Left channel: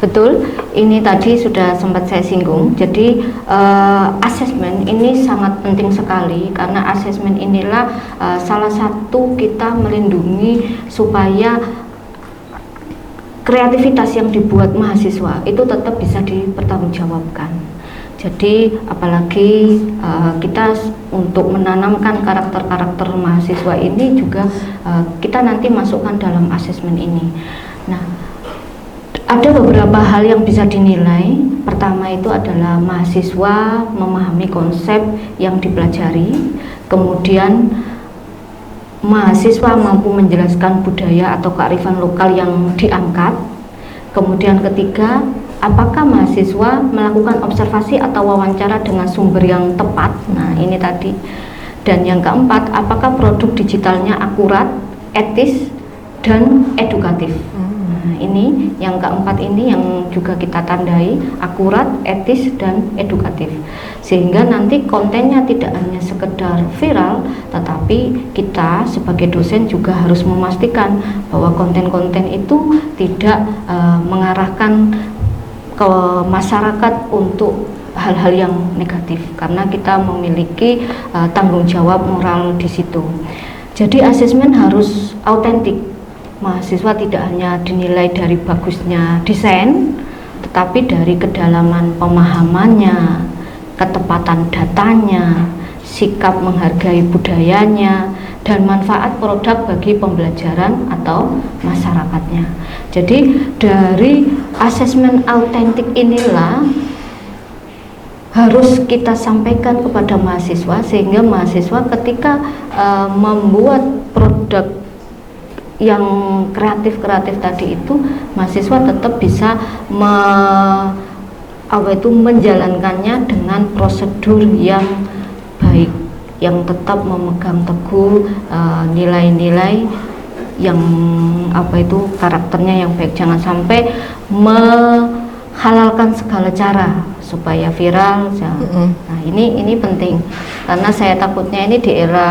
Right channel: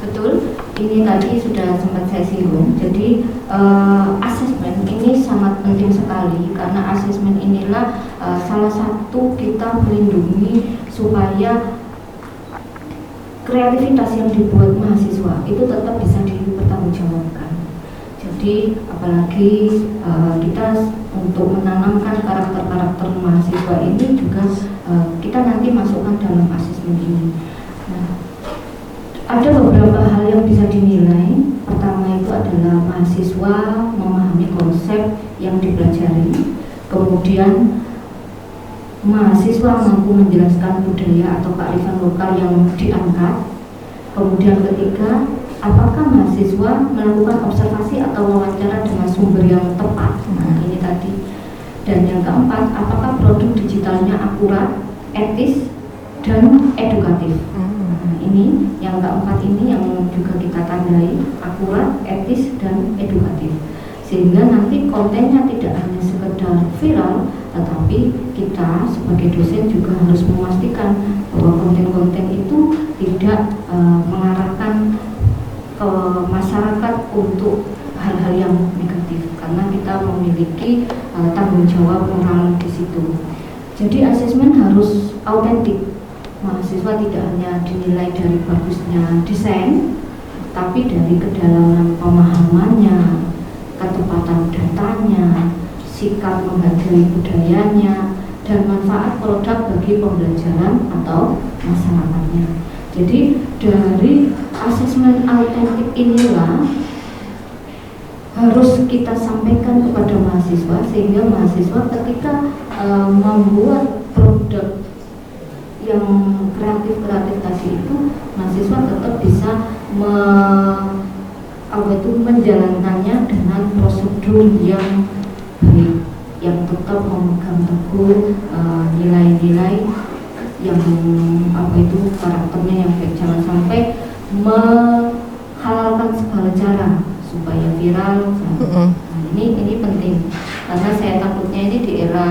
Betul, ini tadi sudah sempat saya singgung. Jadi asesmen ini sangat penting sekali karena asesmen inilah salah satu kita melindungi supaya kreativitas yang dibuat mahasiswa itu tetap bisa dipertanggungjawabkan. Jadi apalagi kita untuk menanamkan karakter-karakter mahasiswa ini juga kita nanti masukkan dalam asesmen ini. Nah, ada beberapa hal yang bisa dinilai. Pertama itu adalah mahasiswa memahami konsep yang dipelajari. Kemudian mahasiswa mampu menjelaskan budaya atau kearifan lokal yang diangkat. Kemudian ketiga, apakah mahasiswa melakukan observasi atau wawancara dengan sumber yang tepat? Nah, ini tadi. Dan yang keempat, apakah produk digitalnya akurat, etis, dan edukatif? Nah, ini yang keempat ini yang juga kita tandai, akurat, etis, dan edukatif. Sehingga nanti kontennya tidak hanya sekedar viral, tetapi kita sebagai dosen juga harus memastikan bahwa konten-konten itu tidak mengarahkan ke masyarakat untuk hal-hal yang negatif, karena kita memiliki tanggung jawab moral di situ. Jadi asesmen harus autentik. Mahasiswa tidak hanya dinilai dari bagusnya desain, tetapi dari kedalaman pemahamannya, ketepatan datanya, sikap menghargai budayanya, dan manfaat produk bagi pembelajaran atau masyarakatnya. Jadi dari asesmen autentik inilah harus kita sampaikan kepada mahasiswa, sehingga mahasiswa ketika membuat produk yang kreatif tadi itu, mahasiswa tetap bisa menjalankannya dengan prosedur yang baik, yang tetap memegang teguh nilai-nilai yang karakternya yang baik. Jangan sampai menghalalkan segala cara supaya viral. Nah, ini penting karena saya takutnya ini di era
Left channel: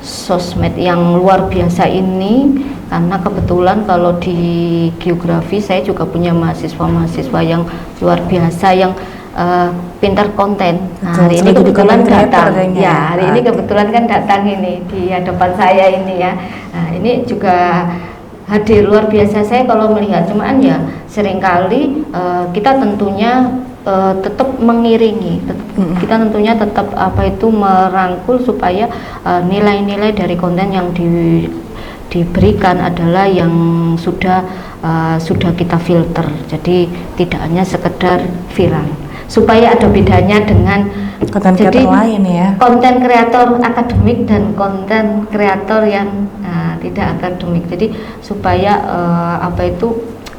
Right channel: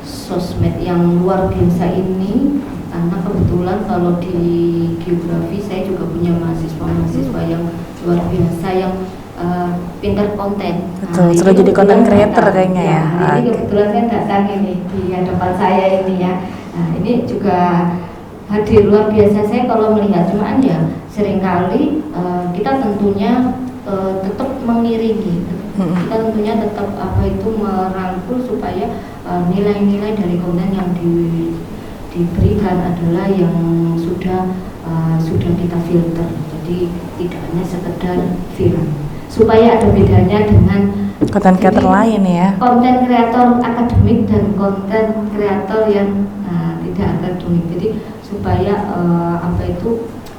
sosmed yang luar biasa ini, karena kebetulan kalau di geografi saya juga punya mahasiswa yang luar biasa yang pintar konten. Betul, sudah jadi konten creator kayaknya ya. Hari ini kebetulan kan datang ini di hadapan saya ini ya. Nah, ini juga hadir luar biasa saya kalau melihat, cuman ya seringkali kita tentunya tetap mengiringi, kita tentunya tetap merangkul supaya nilai-nilai dari konten yang diberikan adalah yang sudah kita filter. Jadi tidak hanya sekedar viral, supaya ada bedanya dengan konten kreator lain ya. Konten kreator akademik dan konten kreator yang tidak akademik. Jadi supaya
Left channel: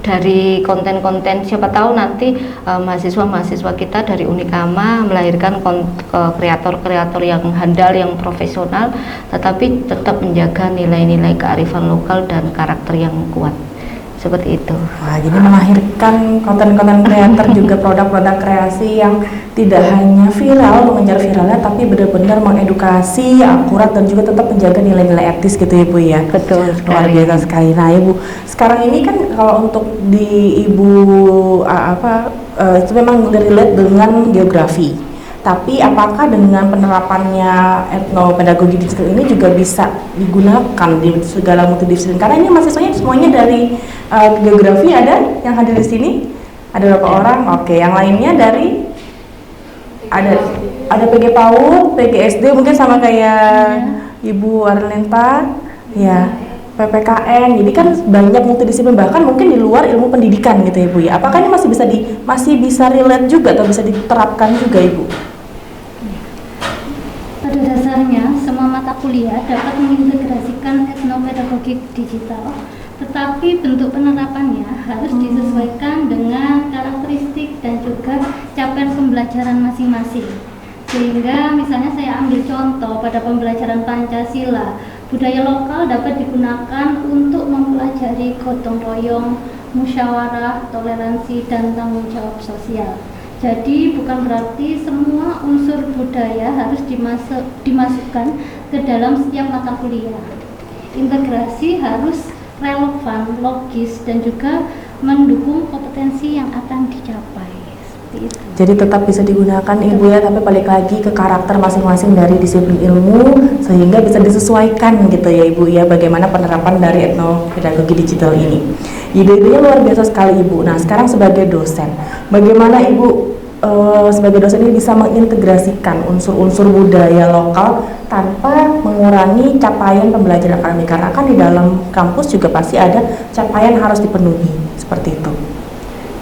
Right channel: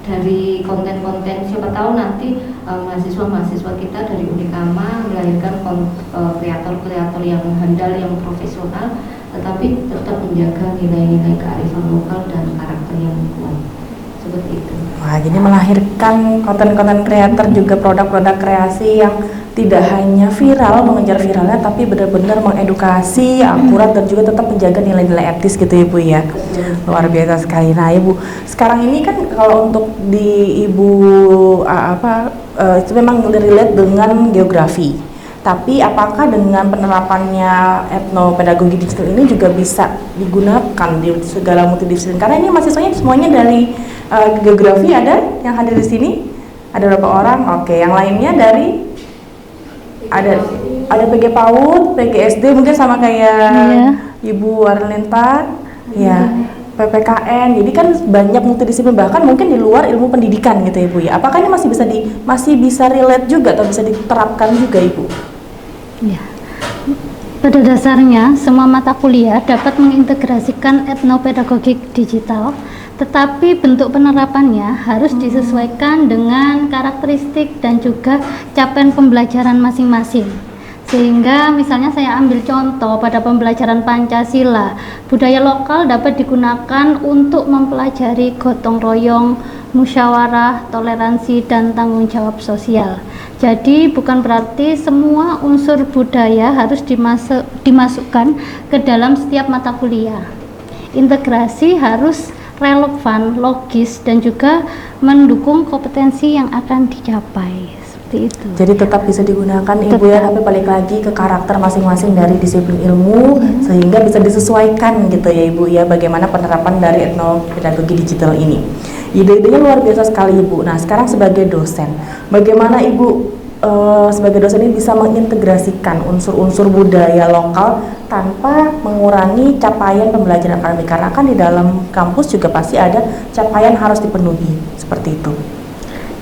dari konten-konten, siapa tahu nanti mahasiswa-mahasiswa kita dari Unikama melahirkan kreator-kreator yang handal, yang profesional, tetapi tetap menjaga nilai-nilai kearifan lokal dan karakter yang kuat. Seperti itu. Wah, jadi melahirkan konten-konten kreator juga produk-produk kreasi yang tidak hanya viral, mengejar viralnya, tapi benar-benar mengedukasi, akurat, dan juga tetap menjaga nilai-nilai etis gitu Ibu ya. Betul. Luar biasa sekali. Nah Ibu, sekarang ini kan kalau untuk di Ibu itu memang relate dengan geografi. Tapi apakah dengan penerapannya etnopedagogi digital ini juga bisa digunakan di segala multidisiplin? Karena ini mahasiswanya semuanya dari geografi, ada yang hadir di sini, ada berapa orang? Oke, yang lainnya dari ada PG PAUD, PG SD mungkin sama kayak Ibu Arlinta, ya PPKN. Jadi kan banyak multidisiplin, bahkan mungkin di luar ilmu pendidikan gitu Ibu ya. Apakah ini masih bisa relate juga atau bisa diterapkan juga Ibu? Ya. Pada dasarnya semua mata kuliah dapat mengintegrasikan etnopedagogi digital, tetapi bentuk penerapannya harus disesuaikan dengan karakteristik dan juga capaian pembelajaran masing-masing. Sehingga misalnya saya ambil contoh pada pembelajaran Pancasila, budaya lokal dapat digunakan untuk mempelajari gotong royong, musyawarah, toleransi, dan tanggung jawab sosial. Jadi bukan berarti semua unsur budaya harus dimasukkan ke dalam setiap mata kuliah. Integrasi harus relevan, logis, dan juga mendukung kompetensi yang akan dicapai. Seperti itu. Jadi tetap bisa digunakan Ibu ya, tapi balik lagi ke karakter masing-masing dari disiplin ilmu sehingga bisa disesuaikan gitu ya Ibu ya, bagaimana penerapan dari etnopedagogi digital ini. Ide-idenya luar biasa sekali Ibu. Nah sekarang sebagai dosen, bagaimana Ibu sebagai dosen ini bisa mengintegrasikan unsur-unsur budaya lokal tanpa mengurangi capaian pembelajaran akademik, karena kan di dalam kampus juga pasti ada capaian harus dipenuhi, seperti itu.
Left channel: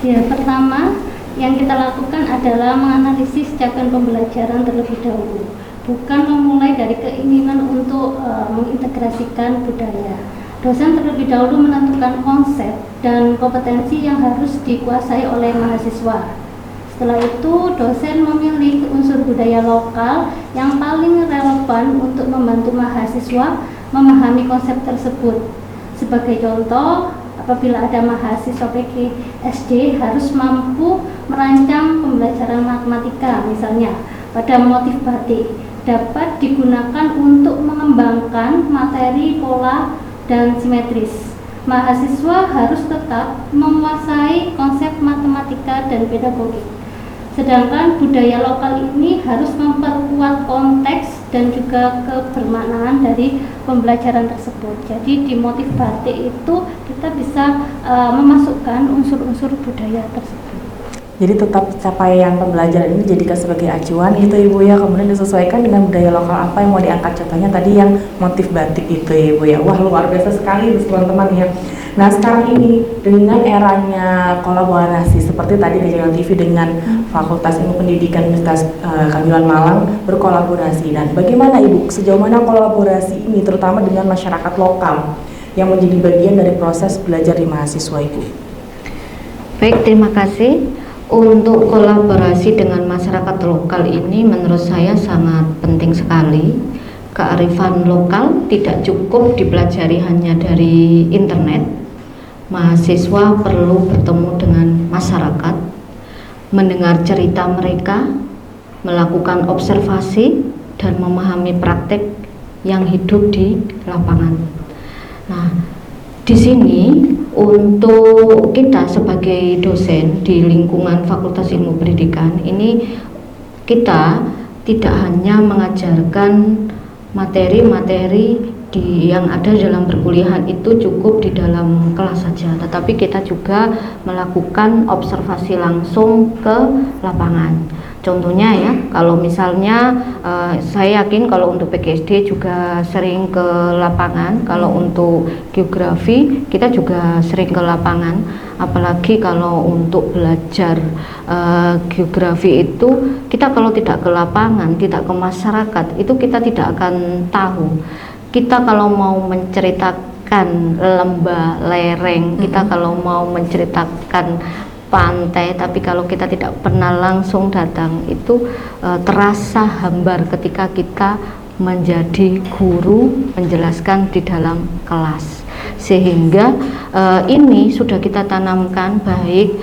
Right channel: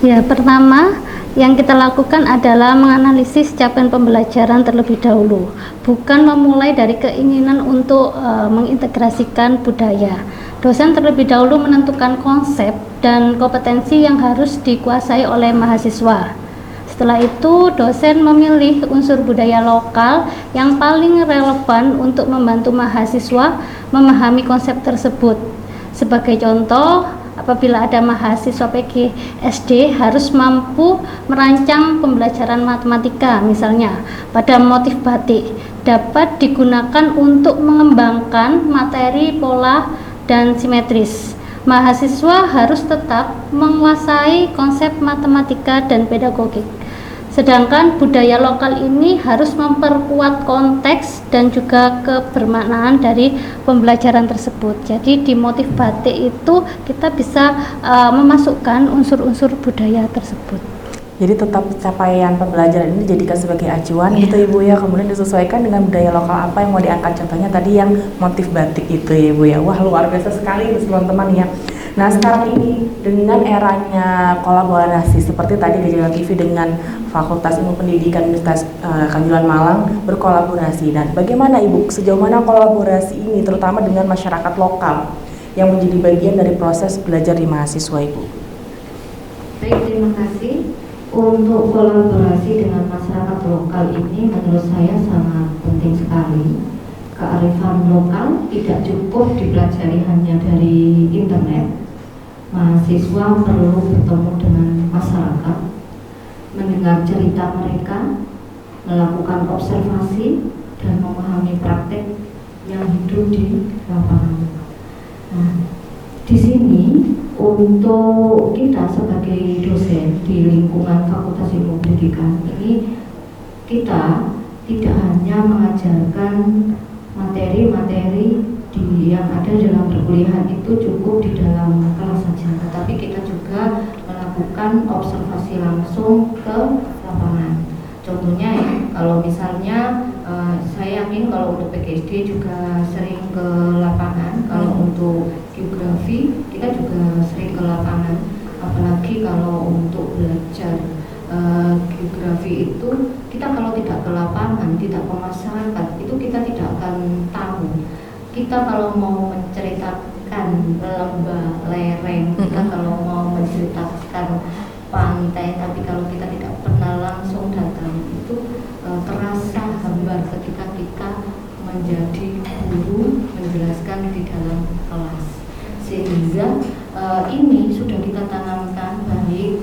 Ya, pertama yang kita lakukan adalah menganalisis capaian pembelajaran terlebih dahulu, bukan memulai dari keinginan untuk mengintegrasikan budaya. Dosen terlebih dahulu menentukan konsep dan kompetensi yang harus dikuasai oleh mahasiswa. Setelah itu, dosen memilih unsur budaya lokal yang paling relevan untuk membantu mahasiswa memahami konsep tersebut. Sebagai contoh, apabila ada mahasiswa PGSD harus mampu merancang pembelajaran matematika, misalnya pada motif batik, dapat digunakan untuk mengembangkan materi pola dan simetris. Mahasiswa harus tetap menguasai konsep matematika dan pedagogik. Sedangkan budaya lokal ini harus memperkuat konteks dan juga kebermaknaan dari pembelajaran tersebut. Jadi di motif batik itu kita bisa memasukkan unsur-unsur budaya tersebut. Jadi tetap capaian pembelajaran ini dijadikan sebagai acuan gitu Ibu ya, kemudian disesuaikan dengan budaya lokal apa yang mau diangkat, contohnya tadi yang motif batik itu ya Ibu ya. Wah luar biasa sekali teman-teman ya. Nah sekarang ini dengan eranya kolaborasi seperti tadi Gajah TV dengan Fakultas Ilmu Pendidikan Universitas Kanjuruhan Malang berkolaborasi, dan bagaimana Ibu sejauh mana kolaborasi ini terutama dengan masyarakat lokal yang menjadi bagian dari proses belajar di mahasiswa Ibu? Baik, terima kasih. Untuk kolaborasi dengan masyarakat lokal ini menurut saya sangat penting sekali. Kearifan lokal tidak cukup dipelajari hanya dari internet. Mahasiswa perlu bertemu dengan masyarakat, mendengar cerita mereka, melakukan observasi, dan memahami praktek yang hidup di lapangan. Nah, di sini untuk kita sebagai dosen di lingkungan Fakultas Ilmu Pendidikan ini, kita tidak hanya mengajarkan materi-materi yang ada dalam perkuliahan itu cukup di dalam kelas saja, tetapi kita juga melakukan observasi langsung ke lapangan. Contohnya ya, kalau misalnya saya yakin kalau untuk PGSD juga sering ke lapangan, kalau untuk geografi kita juga sering ke lapangan, apalagi kalau untuk belajar geografi itu kita kalau tidak ke lapangan, tidak ke masyarakat, itu kita tidak akan tahu. Kita kalau mau menceritakan lembah lereng, kita kalau mau menceritakan pantai, tapi kalau kita tidak pernah langsung datang itu terasa hambar ketika kita menjadi guru menjelaskan di dalam kelas. Sehingga ini sudah kita tanamkan baik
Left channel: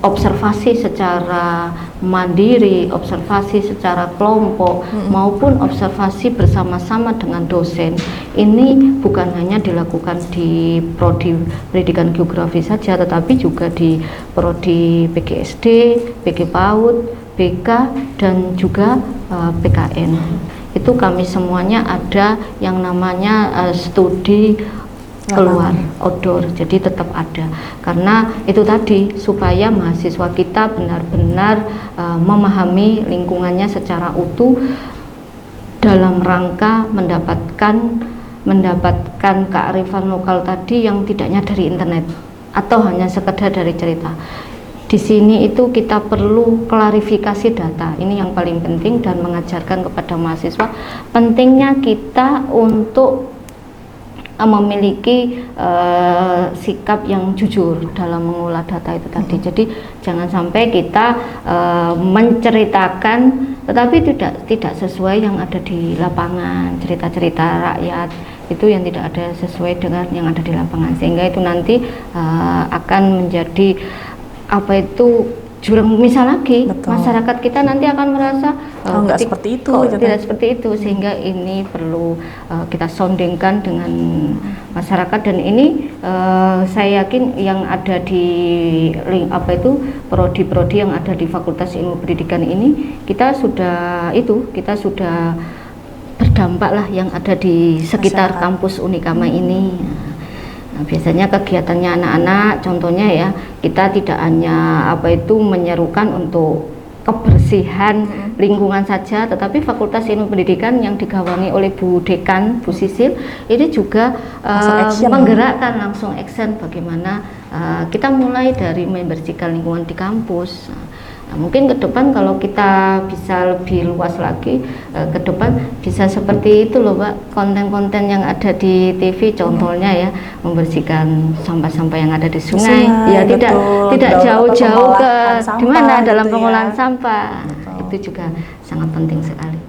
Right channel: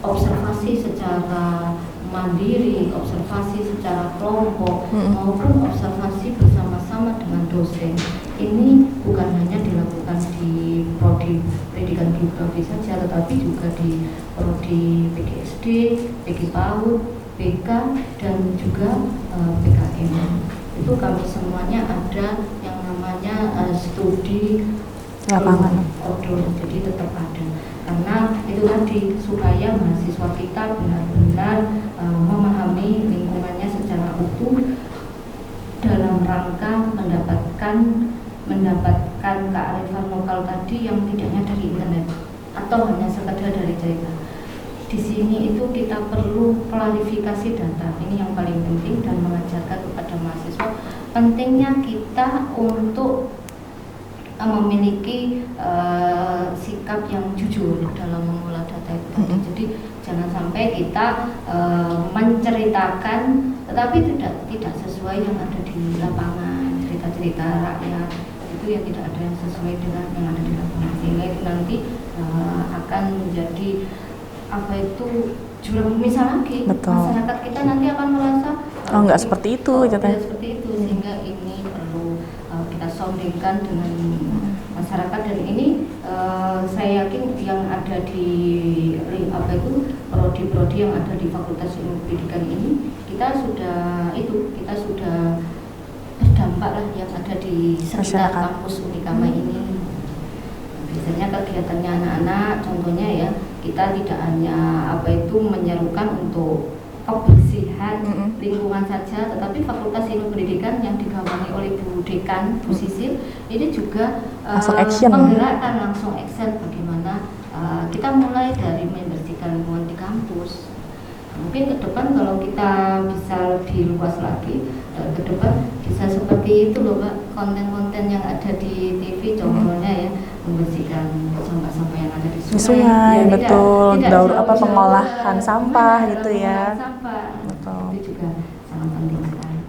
observasi secara mandiri, observasi secara kelompok, maupun observasi bersama-sama dengan dosen. Ini bukan hanya dilakukan di prodi pendidikan geografi saja, tetapi juga di prodi PGSD, PG PAUD, BK, dan juga PKN. Itu kami semuanya ada yang namanya studi keluar outdoor, jadi tetap ada, karena itu tadi supaya mahasiswa kita benar-benar memahami lingkungannya secara utuh dalam rangka mendapatkan kearifan lokal tadi yang tidaknya dari internet atau hanya sekedar dari cerita. Di sini itu kita perlu klarifikasi data, ini yang paling penting, dan mengajarkan kepada mahasiswa pentingnya kita untuk memiliki sikap yang jujur dalam mengolah data itu tadi. Jadi jangan sampai kita menceritakan tetapi tidak sesuai yang ada di lapangan, cerita-cerita rakyat itu yang tidak ada sesuai dengan yang ada di lapangan, sehingga itu nanti akan menjadi jurang misal lagi. Betul. Masyarakat kita nanti akan merasa nggak seperti itu, tidak seperti itu, sehingga ini perlu kita soundingkan dengan masyarakat. Dan ini saya yakin yang ada di prodi-prodi yang ada di Fakultas Ilmu Pendidikan ini kita sudah berdampak lah yang ada di sekitar Masyarakat. kampus Unikama ini. Nah, biasanya kegiatannya anak-anak, contohnya ya, kita tidak hanya menyerukan untuk kebersihan lingkungan saja, tetapi Fakultas Ilmu Pendidikan yang digawangi oleh Bu Dekan, Bu Sisil, ini juga Langsung action. menggerakkan langsung action bagaimana kita mulai dari membersihkan lingkungan di kampus. Nah, mungkin ke depan kalau kita bisa lebih luas lagi, ke depan bisa seperti itu loh Pak, konten-konten yang ada di TV contohnya ya, membersihkan sampah-sampah yang ada di sungai, ya betul. tidak jauh-jauh ke Pengolahan sampah gimana dalam gitu ya. pengolahan sampah. Betul. Itu juga sangat penting sekali.